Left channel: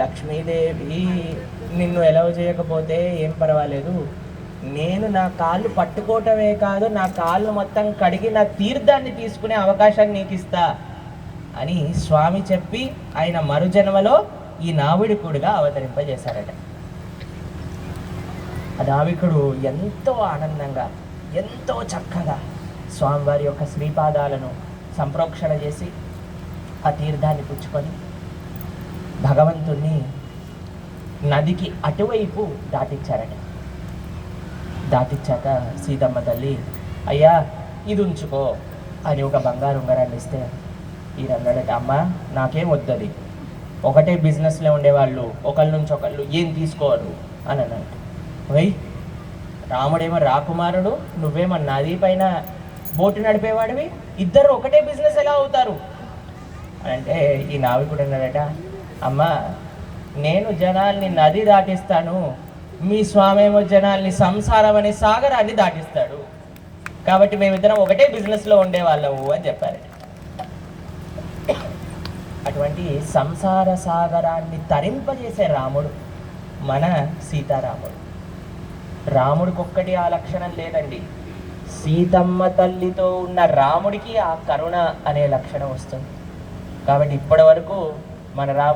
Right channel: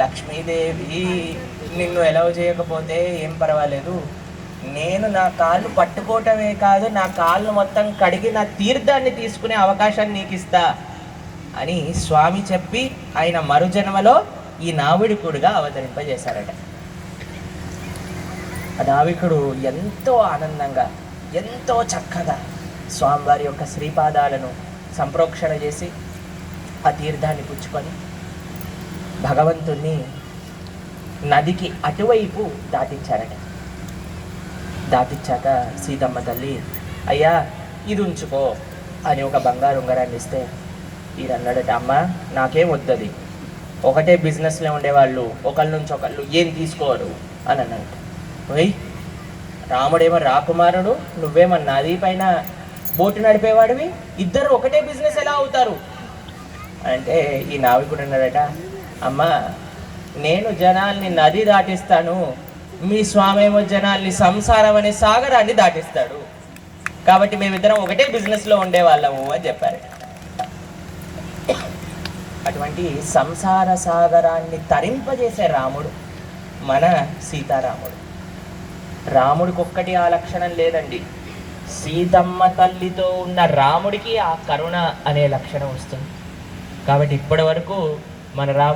లక్ష్మీదేవి నిన్ను ఎలవ్ చేయకపోతే ఏం పర్వాలేదు. నేను నా కాళ్ళు పట్టుకోవటమే కాదు నా కాళ్ళు మొత్తం కడిగి నా తీర్థాన్ని తీసుకునే అవకాశాన్ని నీకు ఇస్తా అని స్వామి చెప్పి ఆయన మరుజన్మలో ఈ నావిడికుడుగా అవతరింపజేశారట. ఆ నావికుడు ఎంతో ఆనందంగా ఎంతో చక్కగా స్వామివారి యొక్క శ్రీపాదాలను సంప్రోక్షణ చేసి ఆ తీర్థాన్ని పుచ్చుకొని భగవంతుణ్ణి నదికి అటువైపు దాటించారట. దాటించాక సీతమ్మ తల్లి అయ్యా ఇది ఉంచుకో అని ఒక బంగారు ఉంగరాన్ని ఇస్తే ఈయన అన్నాడట అమ్మ నాకేం వద్దది. ఒకటే బిజినెస్లో ఉండేవాళ్ళు ఒకళ్ళ నుంచి ఒకళ్ళు ఏం తీసుకోరు అని అన్నాడు వెయ్ రాముడేమో రాకుమారుడు నువ్వేమో నది పైన బోటు నడిపేవాడివి ఇద్దరు ఒకటే బిజినెస్ ఎలా అవుతారు? అంటే ఈ నావికుడు అన్నాడట అమ్మా నేను జనాల్ని నది దాటిస్తాను మీ స్వామి ఏమో జనాల్ని సంసారం అనే సాగరాన్ని దాటిస్తాడు. కాబట్టి మేమిద్దరం ఒకటే బిజినెస్లో ఉండేవాళ్ళము అని చెప్పారు. అటువంటి సంసార సాగరాన్ని తరింపజేసే రాముడు మన సీతారాముడు. రాముడికి ఒక్కటి ఆ లక్షణం లేదండి. సీతమ్మ తల్లితో ఉన్న రాముడికి ఆ కరుణ అనే లక్షణం వస్తుంది. కాబట్టి ఇప్పటి వరకు మన రా